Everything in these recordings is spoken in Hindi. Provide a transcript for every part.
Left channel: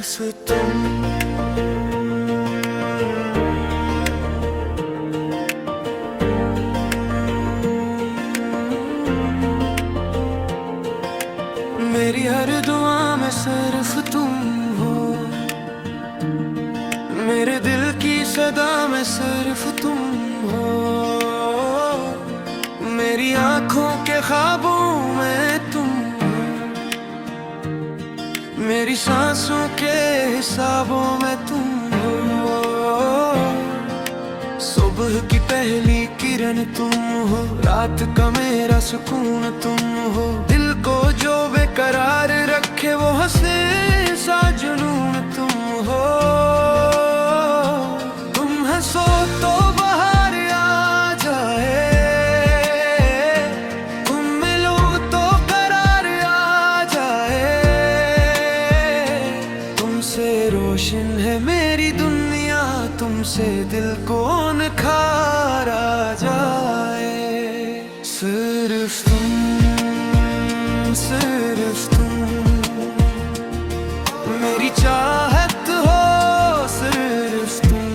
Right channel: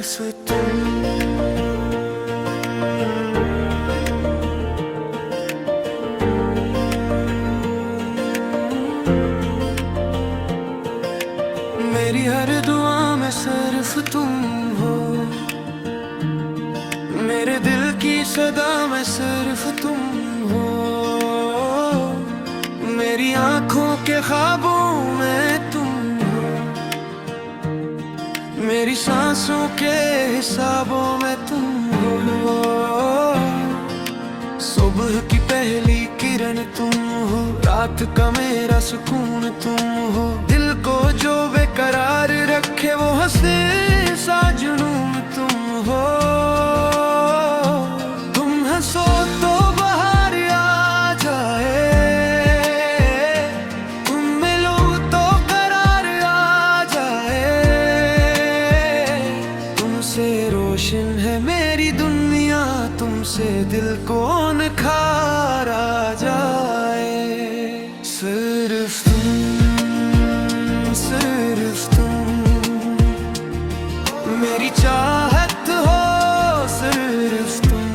सिर्फ तुम। मेरी हर दुआ में सिर्फ तुम हो, मेरे दिल की सदा में सिर्फ तुम हो। मेरी आंखों के ख्वाबों में तुम हो, मेरी सांसों के हिसाबों में तुम हो। सुबह की पहली किरण तुम हो, रात का मेरा सुकून तुम हो। दिल को जो बेकरार रखे वो हंसे सा जुनून तुम हो। तुम हंसो तो बाहर आ जाए, तुम मिलो तो करार आ जाए। तुमसे रोशन है मेरी दुनिया, तुमसे दिल को निखार आ जाए। सिर्फ तुम, सिर्फ तुम मेरी चाहत हो। सिर्फ तुम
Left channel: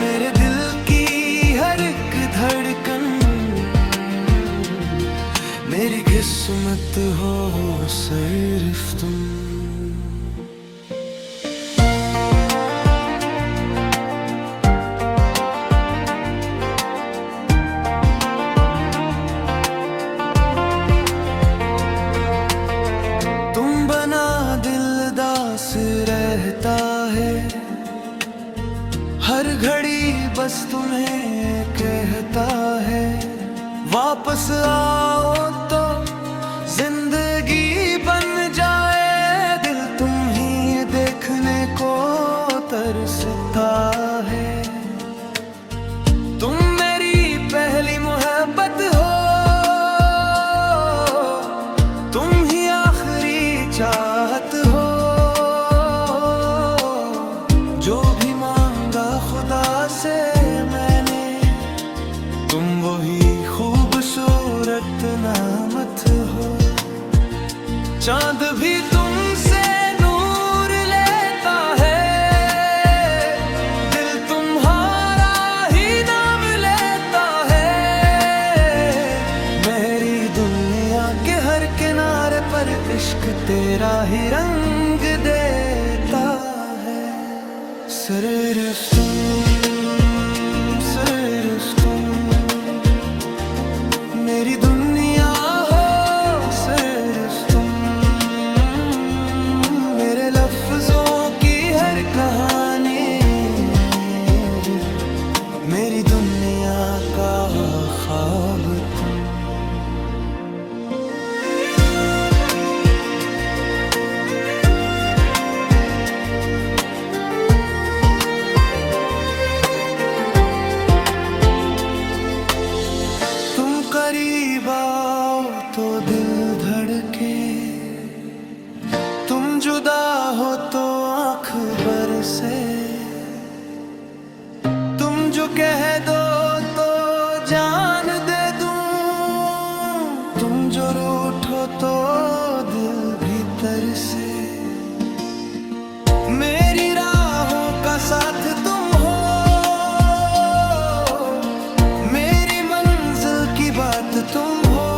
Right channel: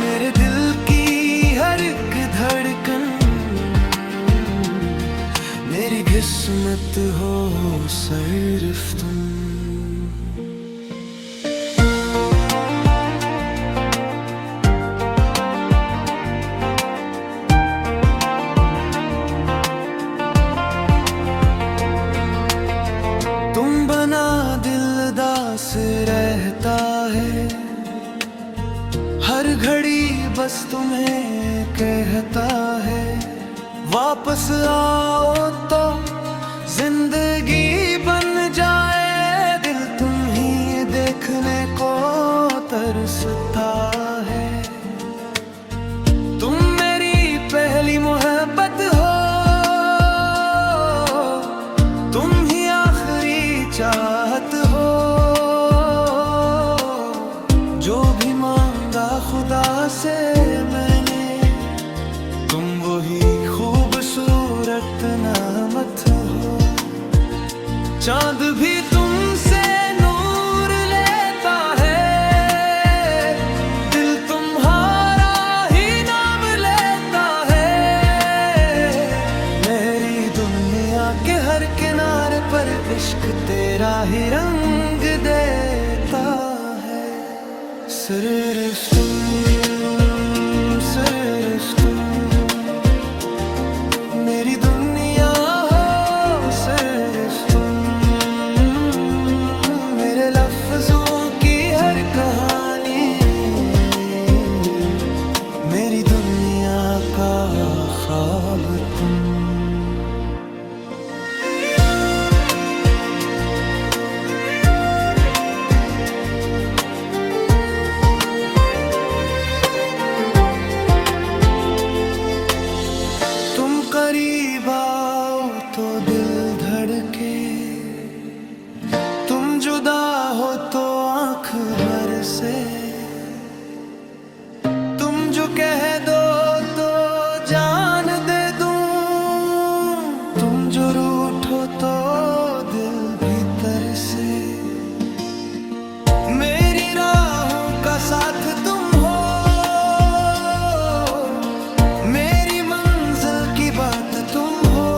मेरे दिल की हर एक धड़कन, मेरी किस्मत हो। सिर्फ तुम। दिलदास रहता है, हर घड़ी बस तुम्हें कहता है। वापस आओ तो जिंदगी बन जाए, दिल तुम ही देखने को तरसता है। तुम मेरी पहली मोहब्बत हो, तुम ही आखिरी चाहत हो। जो भी मांगा खुदा से मैंने, तुम वही खूबसूरत नामत हो। चांद भी तुमसे नूर लेता है, दिल तुम्हारा ही नाम लेता है। मेरी दुनिया के हर किनारे पर इश्क तेरा ही रंग देता है। सिर्फ तुम, सिर्फ तुम मेरी दुनिया हो। सिर्फ तुम मेरे लफ्जों की हर कहानी, मेरी दुनिया का ख्वाब तुम। तुम करीब आओ तो दिल धड़के, तुम जुदा हो तो आंख बरसे। तुम जो कह दो तो जान दे दूं, तुम जो रूठो तो दिल भीतर से। मेरी राहों का साथ तुम हो, मेरी मंजिल की बात तुम हो।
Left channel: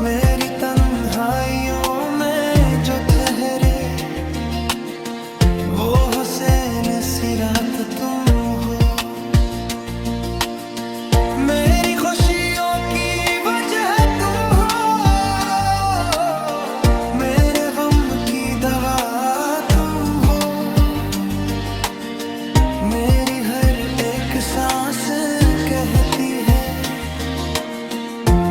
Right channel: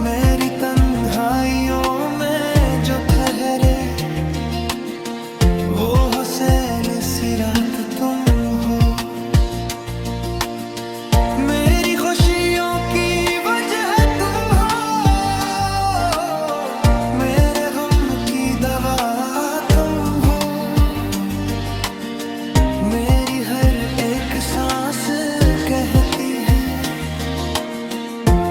मेरी तन्हाइयों में जो ठहरे, वो हुसैन सी रात तुम हो। मेरी खुशियों की वजह तुम हो, मेरे गम की दवा तुम हो। मेरी हर एक सांस कहती है,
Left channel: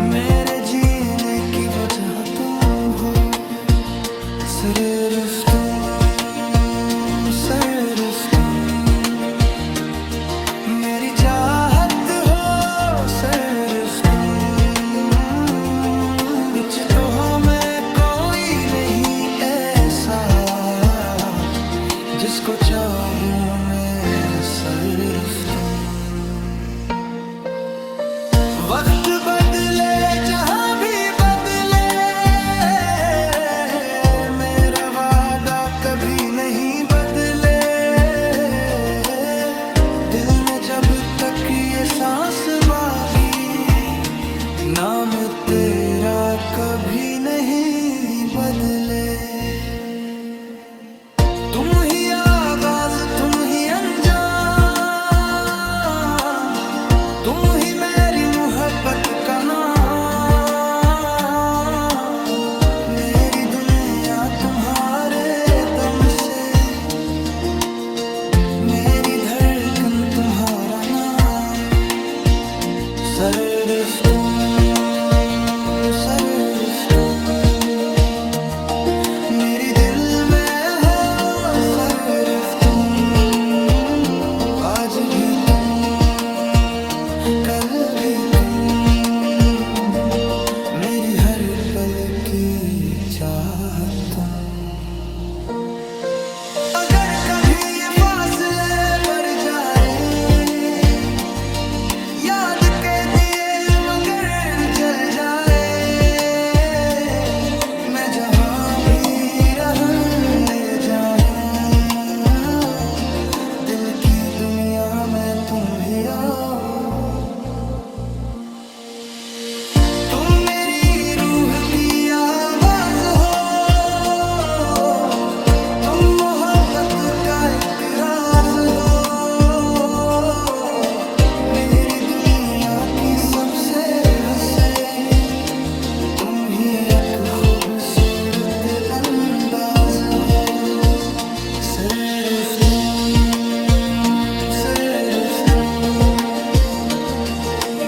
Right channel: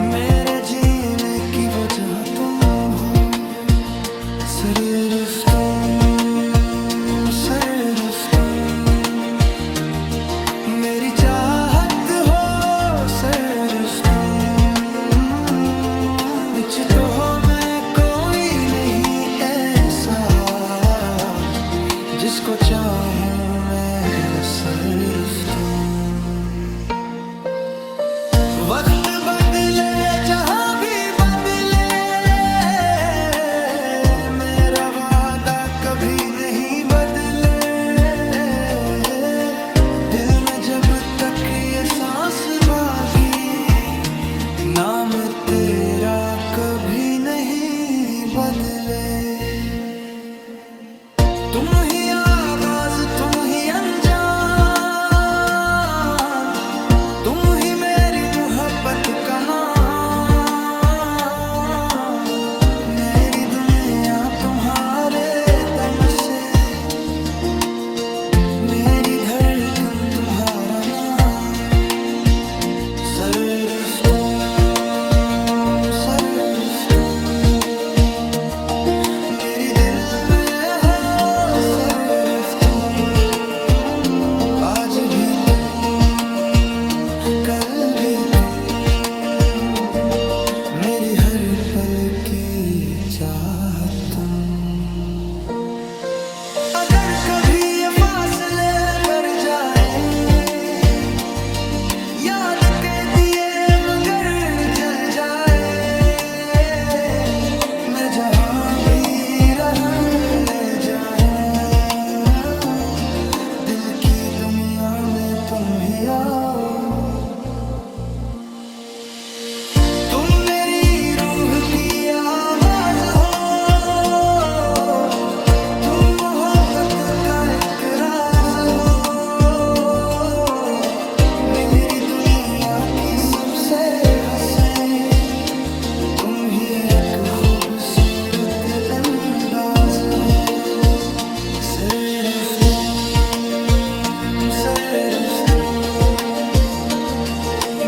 मेरे जीने की वजह तुम हो। सिर्फ तुम, सिर्फ तुम मेरी चाहत हो। सिर्फ तुम, मुझ तो में कोई नहीं ऐसा, जिसको चाहूं मैं। सिर्फ तुम। वक्त बदले जहां भी बदले, नहीं बदले। दिल में जब तक ये सांस बागी, नाम तेरा कभी नहीं बदले। तुम ही आगाज, तुम ही अंजाम, तुम ही मेरी मोहब्बत का नाम। मेरी दुनिया तुम्हारे दम से, मेरी धड़कन तुम्हारा नाम। सर्फ तुम, सर्फ तुम, मेरी दिल में हो सर्फ तुम। आज भी तुम, कल भी तुम, मेरी हर पल की चाहत तुम। अगर कभी ये फासले बढ़ जाए, याद के दिए मगर जल जाए। मैं जहां भी रहे जाए, दिल की दुनिया में तुम ही आओ। तुम मेरी रूह की आवाज हो, तुम मोहब्बत का एक राज हो। मेरी दुनिया की सबसे हसीन, तुम ही एक खूबसूरत अंदाज हो। सिर्फ तुम, सिर्फ तुम,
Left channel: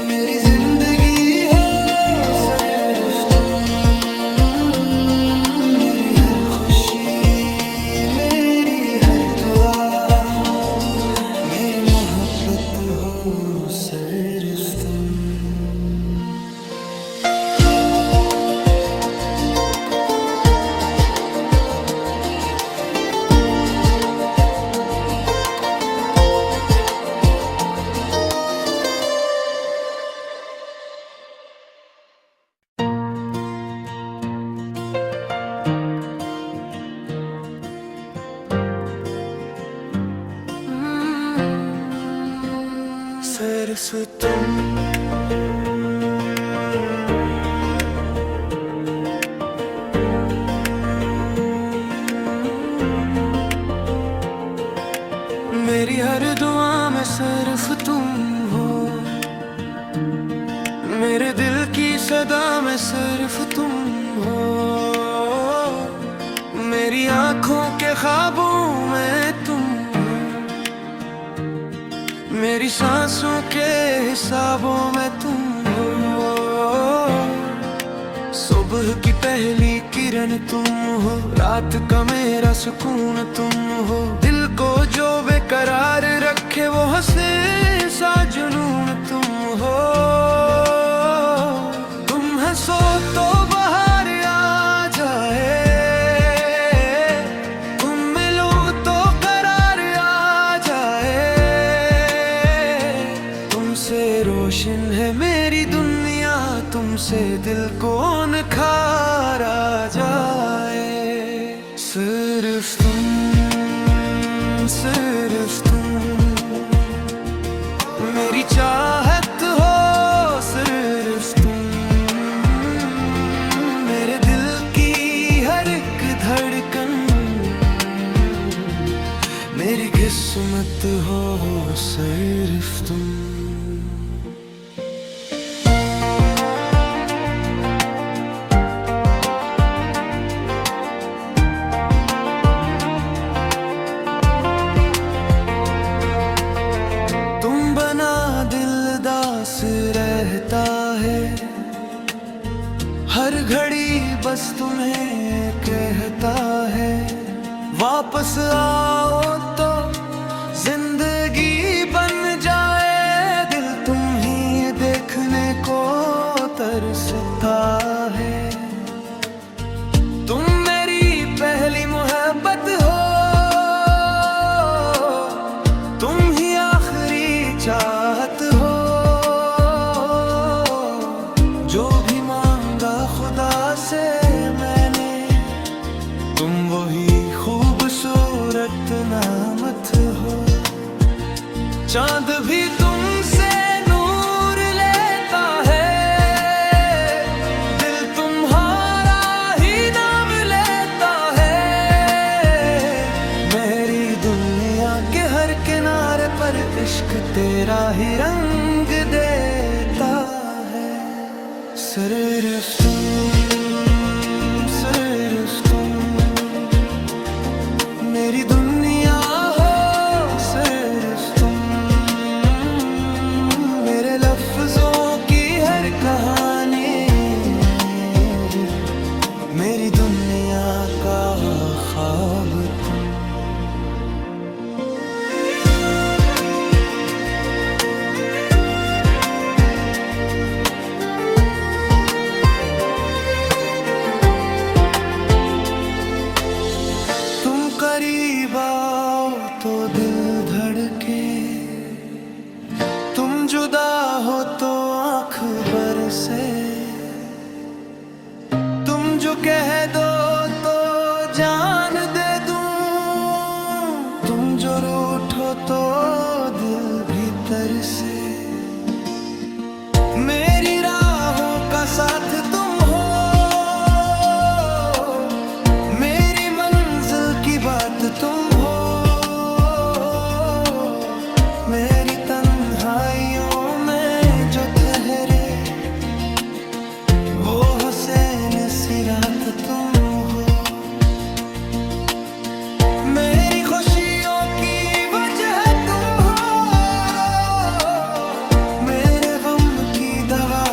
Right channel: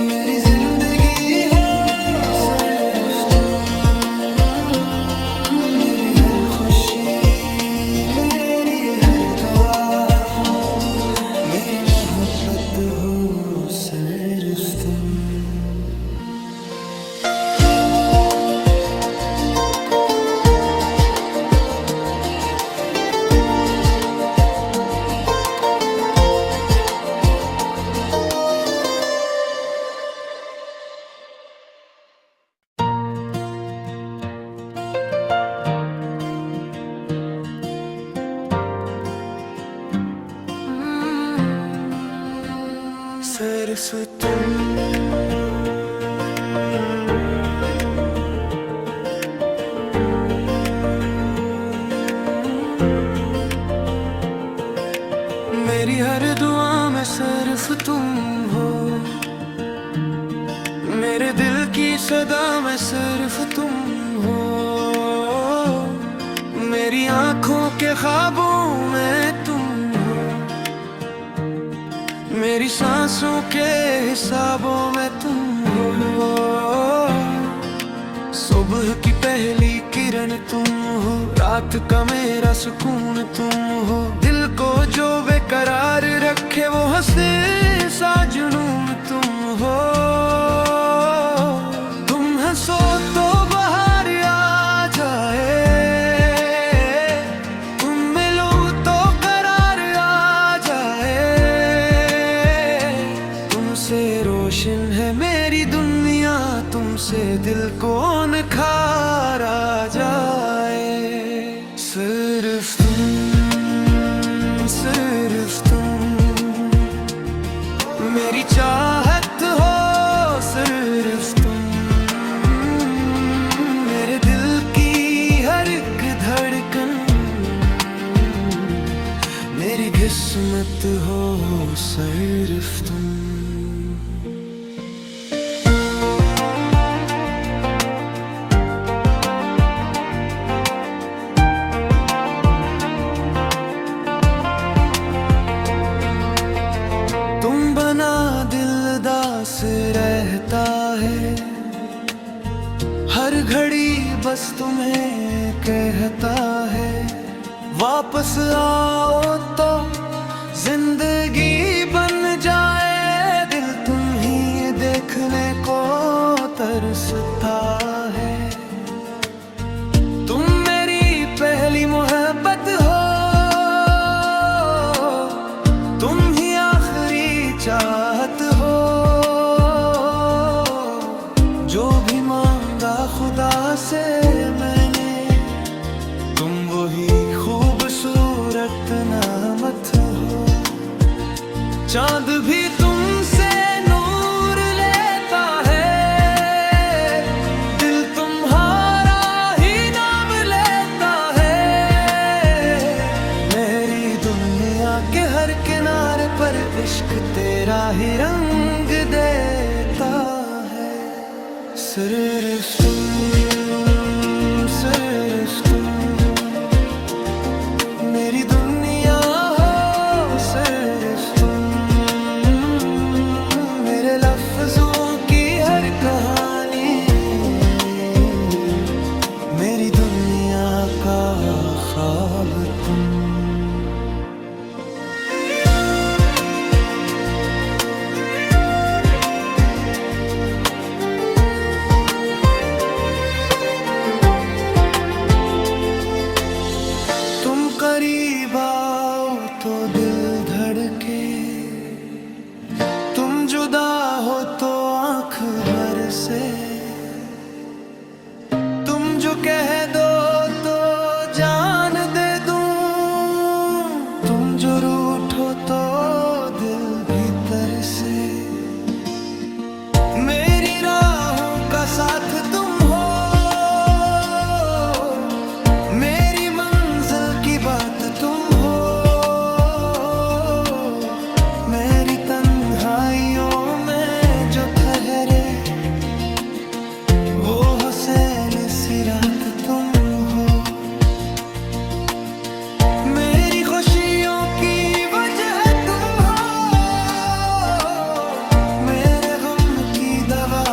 मेरी जिंदगी हो सिर्फ तुम। मेरी हर खुशी, मेरी हर दुआ, मेरी मोहब्बत हो सिर्फ तुम। सिर्फ तुम, मेरी हर दुआ में सिर्फ तुम हो। मेरे दिल की सदा में सिर्फ तुम हो। मेरी आंखों के ख्वाबों में तुम हो। मेरी सांसों के हिसाबों में तुम हो। सुबह की पहली किरण तुम हो, रात का मेरा सुकून तुम हो। दिल को जो बेकरार रखे वो हंसे सा जुनून तुम हो। तुम हंसो तो बहार आ जाए, तुम मिलो तो करार आ जाए। तुमसे रोशन है मेरी दुनिया, तुमसे दिल को निखार आ जाए। सिर्फ तुम, सिर्फ तुम, मेरी चाहत हो सिर्फ तुम। मेरे दिल की हर एक धड़कन, मेरी किस्मत हो सिर्फ तुम। दिलदास रहता है, हर घड़ी बस तुम्हें कहता है। वापस आओ तो जिंदगी बन जाए। दिल तुम ही देखने को तरसता है। तुम मेरी पहली मोहब्बत हो, तुम ही आखिरी चाहत हो। जो भी मांगा खुदा से मैंने, तुम वही खूबसूरत नामत हो, चांद भी तुमसे नूर लेता है, दिल तुम्हारा ही नाम लेता है। मेरी दुनिया के हर किनारे पर इश्क तेरा ही रंग देता है। सिर्फ तुम मेरी दुनिया हो, सिर्फ तुम मेरे लफ्जों की हर कहानी, मेरी दुनिया का ख्वाब तुम। तुम करीब आओ तो दिल धड़के, तुम जुदा हो तो आंख बरसे, तुम जो कह दो तो जान दे दूं, तुम जो रूठो तो दिल भीतर से। मेरी राहों का साथ तुम हो, मेरी मंजिल की बात तुम हो, मेरी तन्हाइयों में जो ठहरे वो हुसैन सी रात तुम हो। मेरी खुशियों की वजह तुम हो, मेरे गम की दवा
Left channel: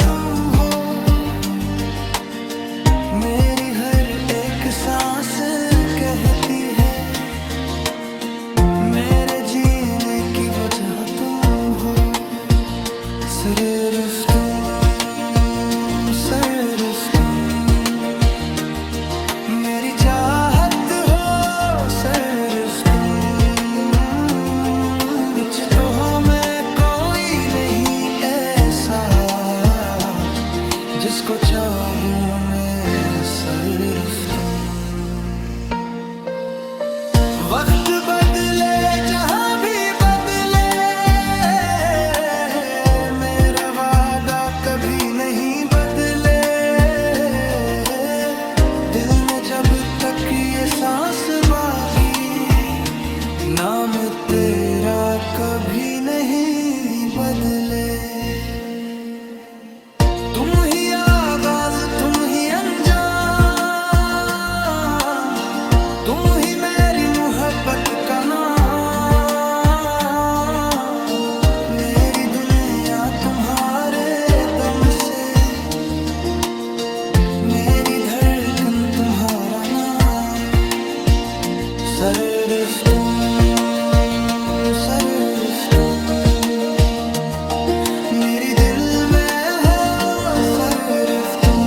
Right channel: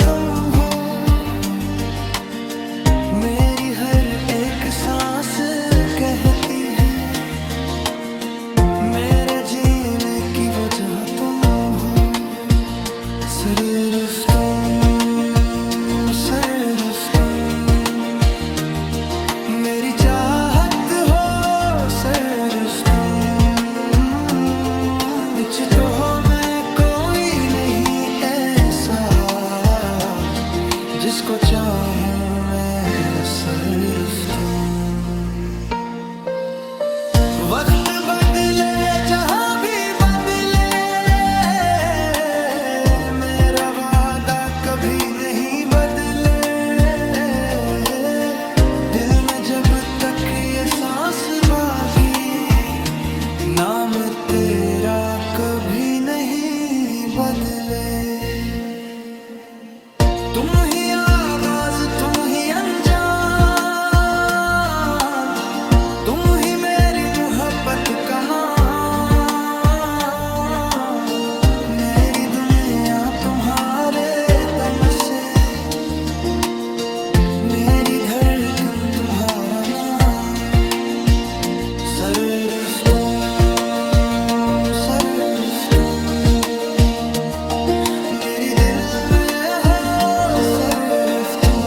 तुम हो, मेरी हर एक सांस कहती है मेरे जीने की वजह तुम हो। सिर्फ तुम मेरी चाहत हो, सिर्फ तुम। मुझ तो में कोई नहीं ऐसा जिसको चाहूं मैं, सिर्फ तुम। वक्त बदले जहां भी बदले, मेरा वादा कभी नहीं बदले। दिल में जब तक ये सांस बाकी, नाम तेरा कभी नहीं बदले। तुम ही आगाज तुम ही अंजाम, तुम ही मेरी मोहब्बत का नाम। मेरी दुनिया तुम्हारे दम से, मेरी धड़कन तुम्हारा नाम। सिर्फ तुम मेरी दिल में हो, सिर्फ तुम।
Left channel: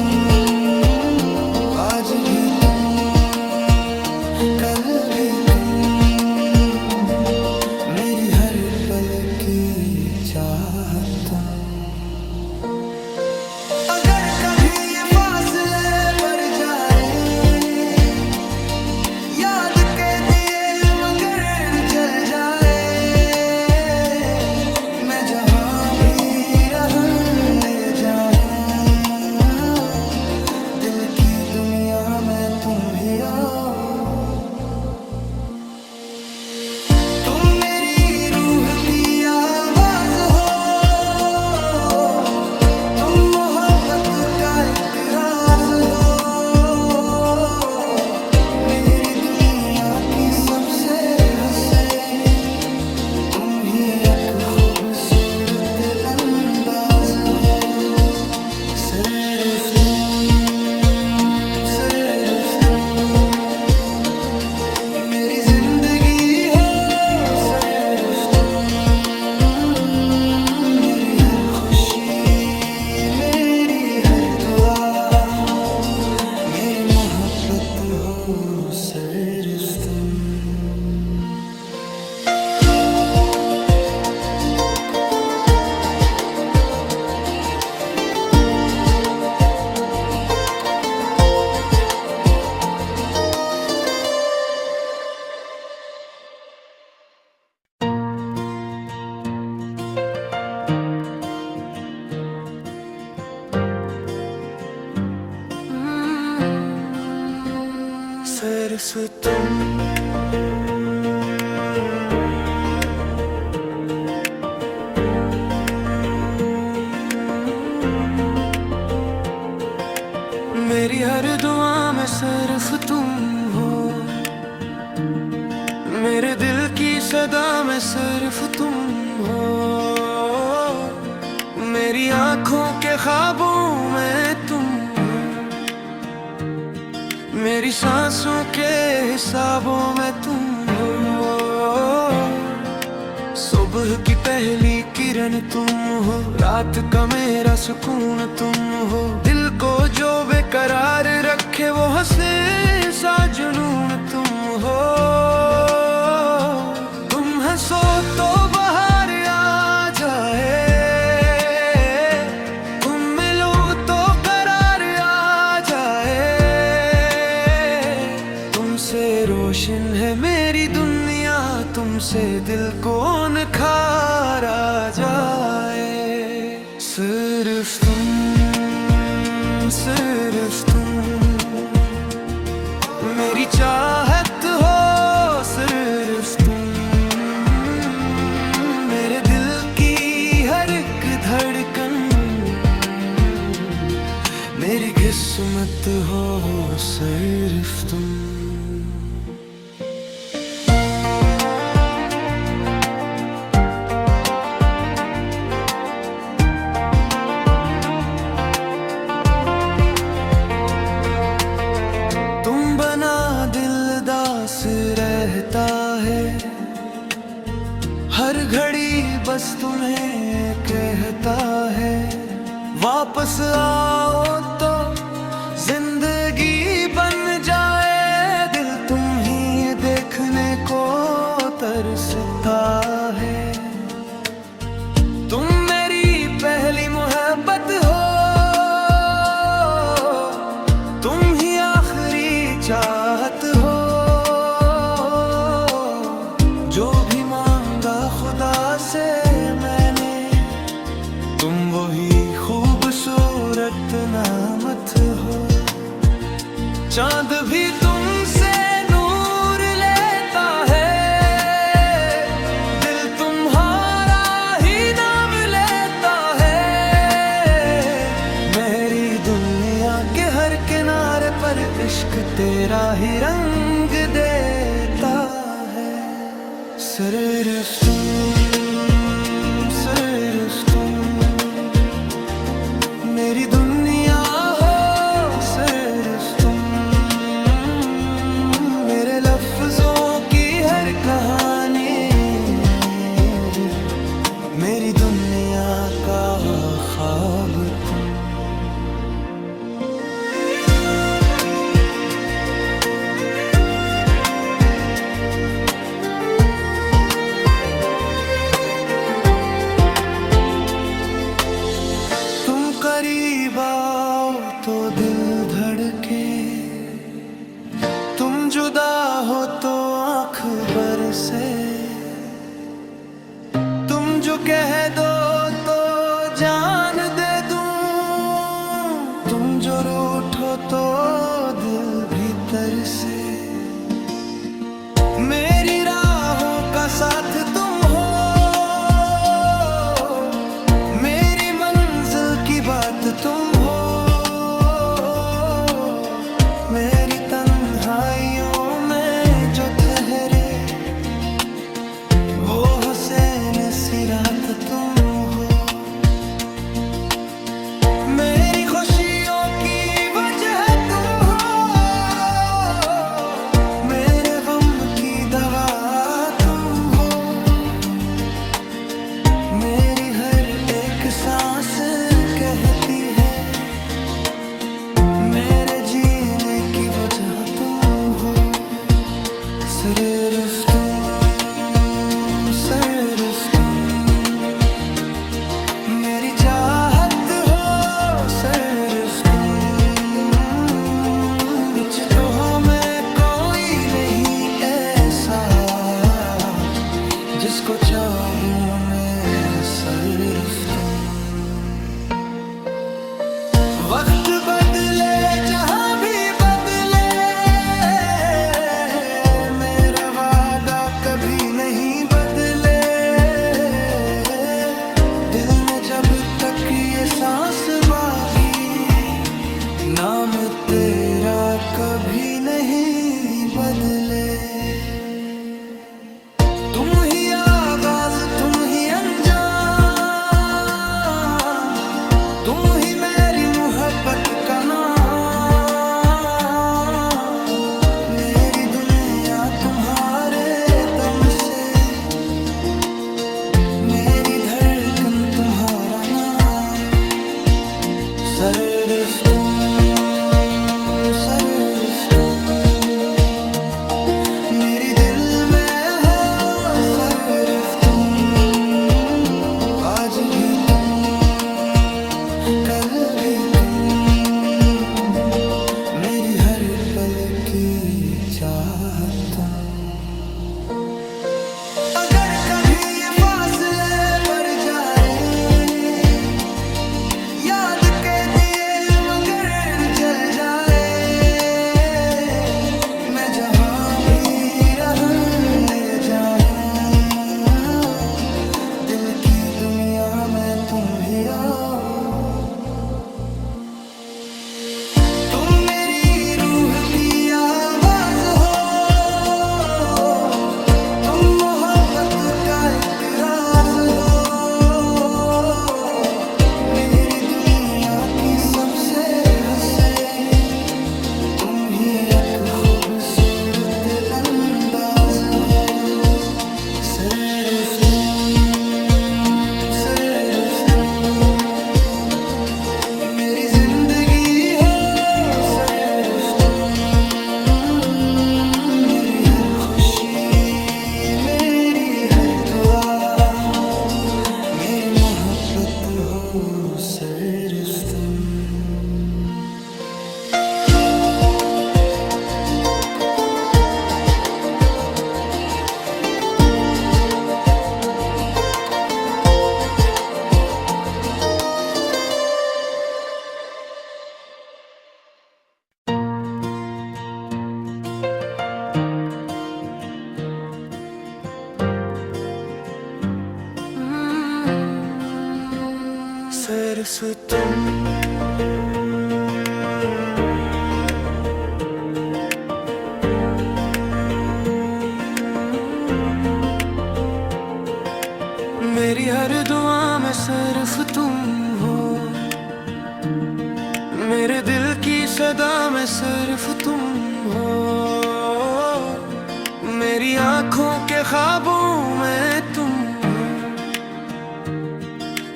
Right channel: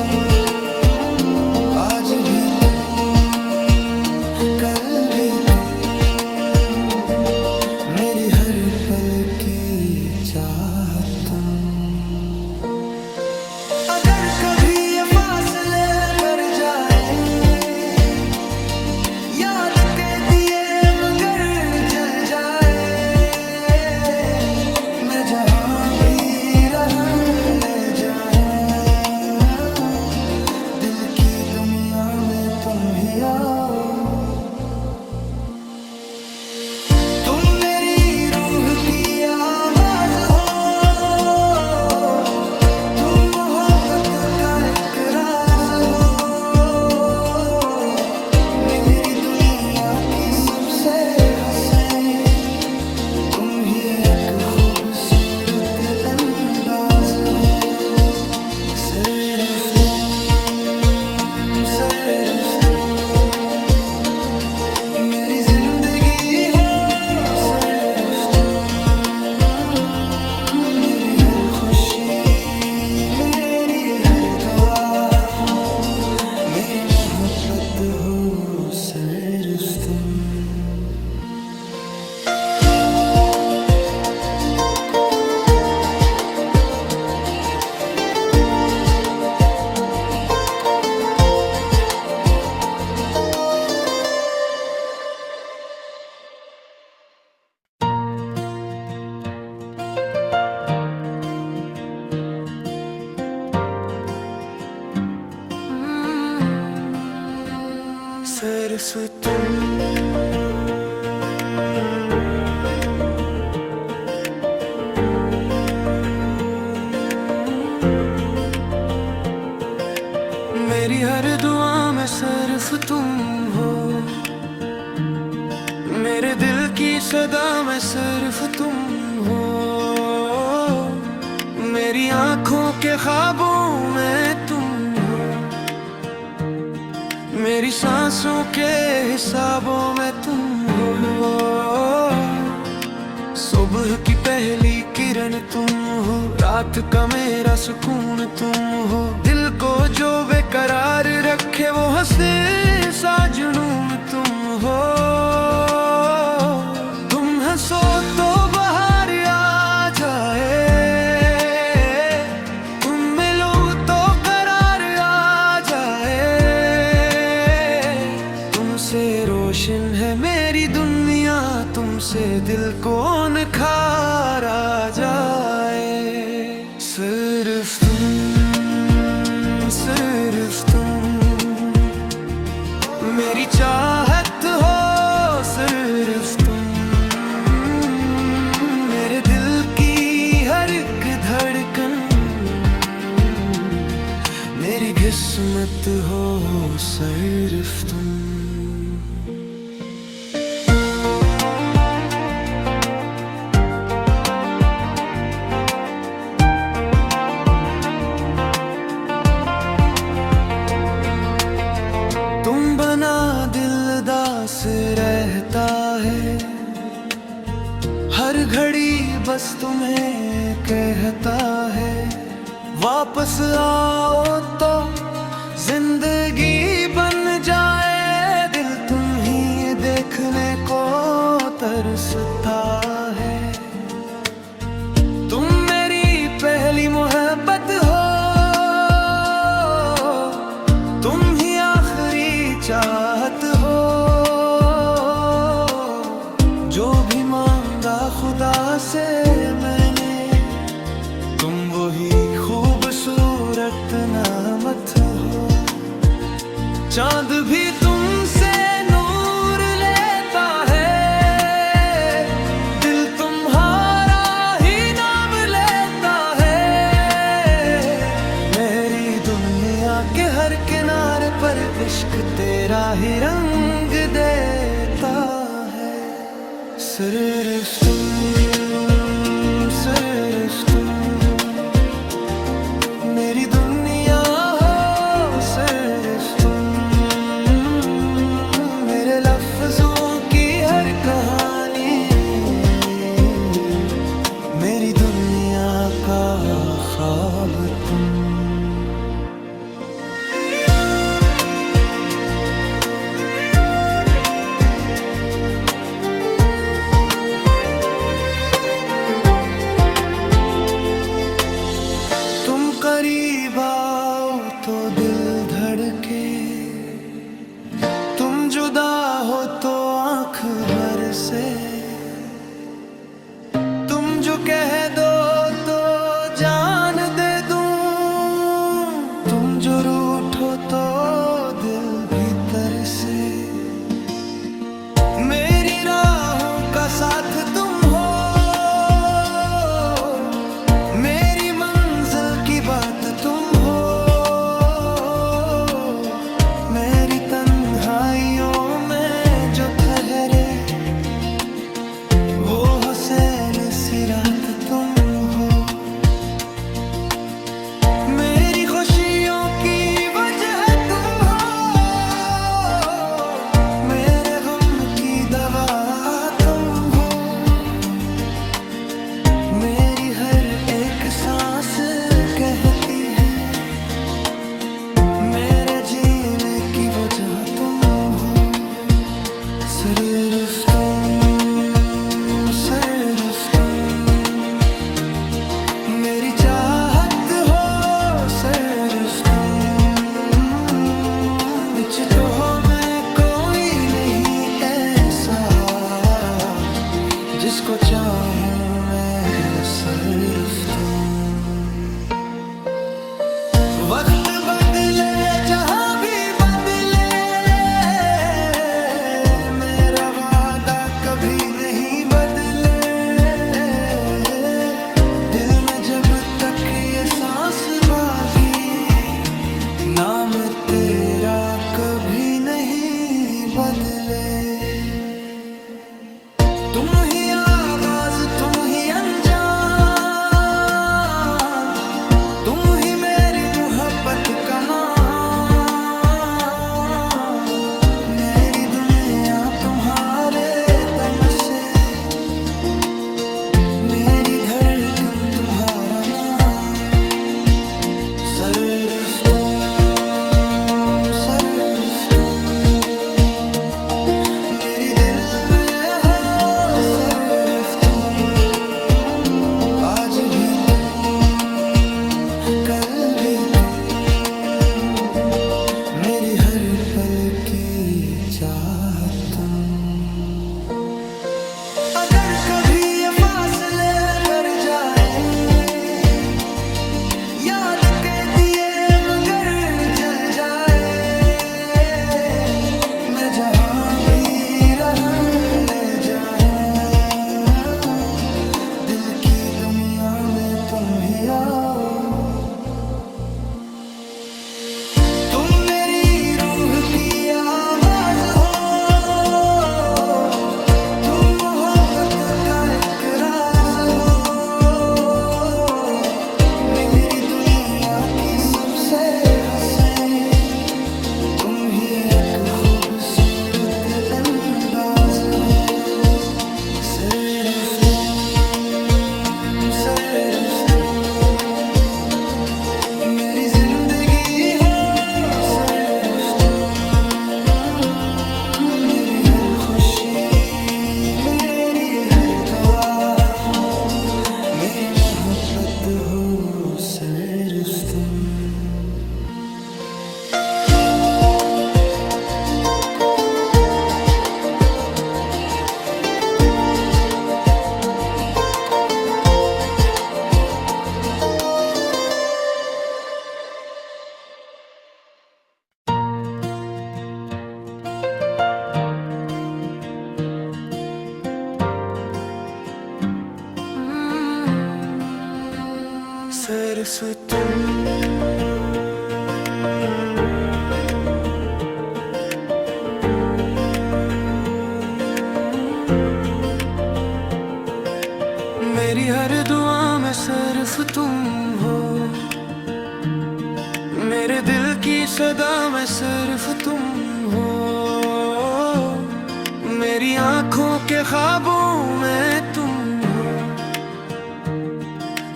आज भी तुम, कल भी तुम, मेरी हर पल की चाहत तुम। अगर कभी ये फासले बढ़ जाए, याद के दिए मगर जल जाए, मैं जहां भी रहा जाए, दिल की दुनिया में तुम ही आओ। तुम मेरी रूह की आवाज हो, तुम मोहब्बत का एक राज हो, मेरी दुनिया की सबसे हसीन तुम ही एक खूबसूरत अंदाज हो। सिर्फ तुम मेरी जिंदगी हो, सिर्फ तुम मेरी हर खुशी, मेरी हर दुआ, मेरी मोहब्बत हो, सिर्फ तुम। सिर्फ तुम। मेरी हर दुआ में सिर्फ तुम हो, मेरे दिल की सदा में सिर्फ तुम हो। मेरी आंखों के ख्वाबों में तुम हो, मेरी सांसों के हिसाबों में तुम हो। सुबह की पहली किरण तुम हो, रात का मेरा सुकून तुम हो। दिल को जो बेकरार रखे वो हंसे सा जुनून तुम हो। तुम हंसो तो बाहर आ जाए, तुम मिलो तो करार आ जाए। तुमसे रोशन है मेरी दुनिया, तुमसे दिल को निखार आ जाए। सिर्फ तुम, सिर्फ तुम मेरी चाहत हो, सिर्फ तुम मेरे दिल की हर एक धड़कन। मेरी किस्मत हो सिर्फ तुम। दिलदास रहता है, हर घड़ी बस तुम्हें कहता है। वापस आओ तो जिंदगी बन जाए, दिल तुम ही देखने को तरसता है। तुम मेरी पहली मोहब्बत हो, तुम ही आखिरी चाहत हो। जो भी मांगा खुदा से मैंने, तुम वही खूबसूरत नामत हो। चांद भी तुमसे नूर लेता है, दिल तुम्हारा ही नाम लेता है। मेरी दुनिया के हर किनारे पर इश्क तेरा ही रंग देता है। सिर्फ तुम, सिर्फ तुम मेरी दुनिया हो, सिर्फ तुम मेरे लफ्जों की हर कहानी। मेरी दुनिया का ख्वाब तुम। तुम करीब आओ तो दिल धड़के, तुम जुदा हो तो आंख बरसे। तुम जो कह दो तो जान दे दूं, तुम जो रूठो तो दिल भीतर से। मेरी राहों का साथ तुम हो, मेरी मंजिल की बात तुम हो। मेरी तन्हाइयों में जो ठहरे, वो हुसैन सी रात तुम हो। मेरी खुशियों की वजह तुम हो, मेरे गम की दवा तुम हो। मेरी हर एक सांस कहती है, मेरे जीने की वजह तुम हो। सिर्फ तुम, सिर्फ तुम मेरी चाहत हो, सिर्फ तुम। मुझ तो में कोई नहीं ऐसा, जिसको चाहूं मैं सिर्फ तुम। वक्त बदले जहां भी बदले, ये सांस बागी, नाम तेरा कभी नहीं बदले। तुम ही आगाज, तुम ही अंजाम, तुम ही मेरी मोहब्बत का नाम। मेरी दुनिया तुम्हारे दम से, मेरी धड़कन तुम्हारा नाम। सररुस्तुम सररुस्तुम, मेरी दिल में हो सररुस्तुम। आज भी तुम, कल भी तुम, मेरी हर पल की चाहत तुम। अगर कभी ये फासले बढ़ जाए, याद के दिए मगर जल जाए, मैं जहां भी रहा जाए, दिल की दुनिया में तुम ही आओ। तुम मेरी रूह की आवाज हो, तुम मोहब्बत का एक राज हो। मेरी दुनिया की सबसे हसीन, तुम ही एक खूबसूरत अंदाज हो। सिर्फ तुम, सिर्फ तुम, मेरी जिंदगी हो सिर्फ तुम। मेरी हर खुशी, मेरी हर दुआ, मेरी मोहब्बत हो सिर्फ तुम। सिर्फ तुम, मेरी हर दुआ में सिर्फ तुम हो। मेरे दिल की सदा में सिर्फ तुम हो। मेरी आंखों के ख्वाबों में तुम हो।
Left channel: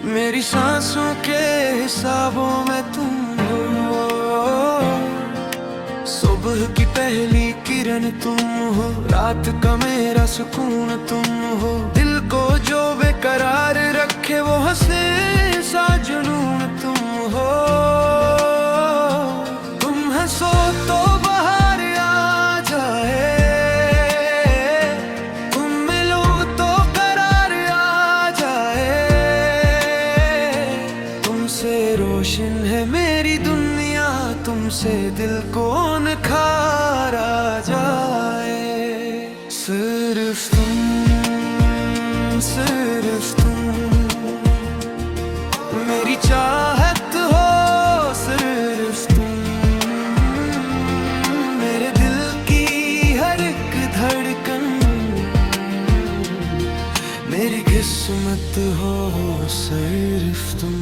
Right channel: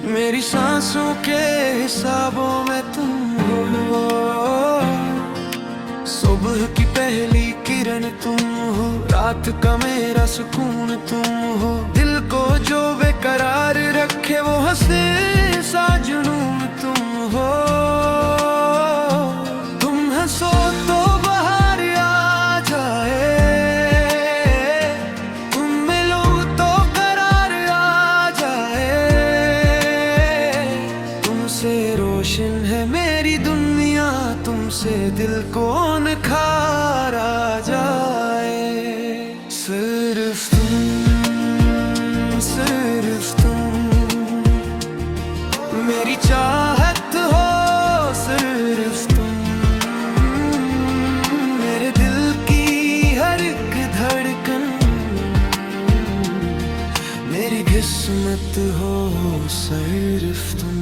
मेरी सांसों के हिसाबों में तुम हो। सुबह की पहली किरण तुम हो, रात का मेरा सुकून तुम हो। दिल को जो बेकरार रखे वो हंसे सा जुनून तुम हो। तुम हंसो तो बहार आ जाए, तुम मिलो तो करार आ जाए। तुमसे रोशन है मेरी दुनिया, तुमसे दिल को निखार आ जाए। सिर्फ तुम, सिर्फ तुम, मेरी चाहत हो सिर्फ तुम। मेरे दिल की हर एक धड़कन, मेरी किस्मत हो सिर्फ तुम।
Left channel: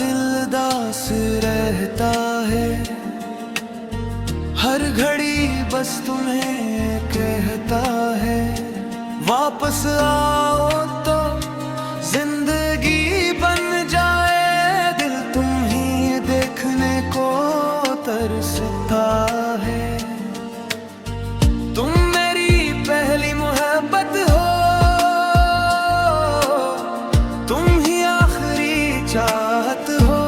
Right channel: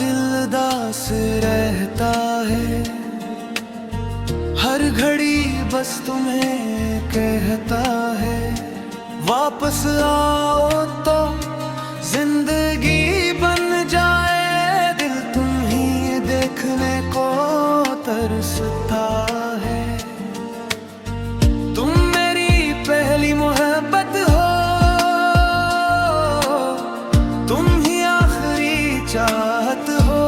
दिलदास रहता है, हर घड़ी बस तुम्हें कहता है। वापस आओ तो जिंदगी बन जाए, दिल तुम ही देखने को तरसता है। तुम मेरी पहली मोहब्बत हो, तुम ही आखिरी चाहत हो।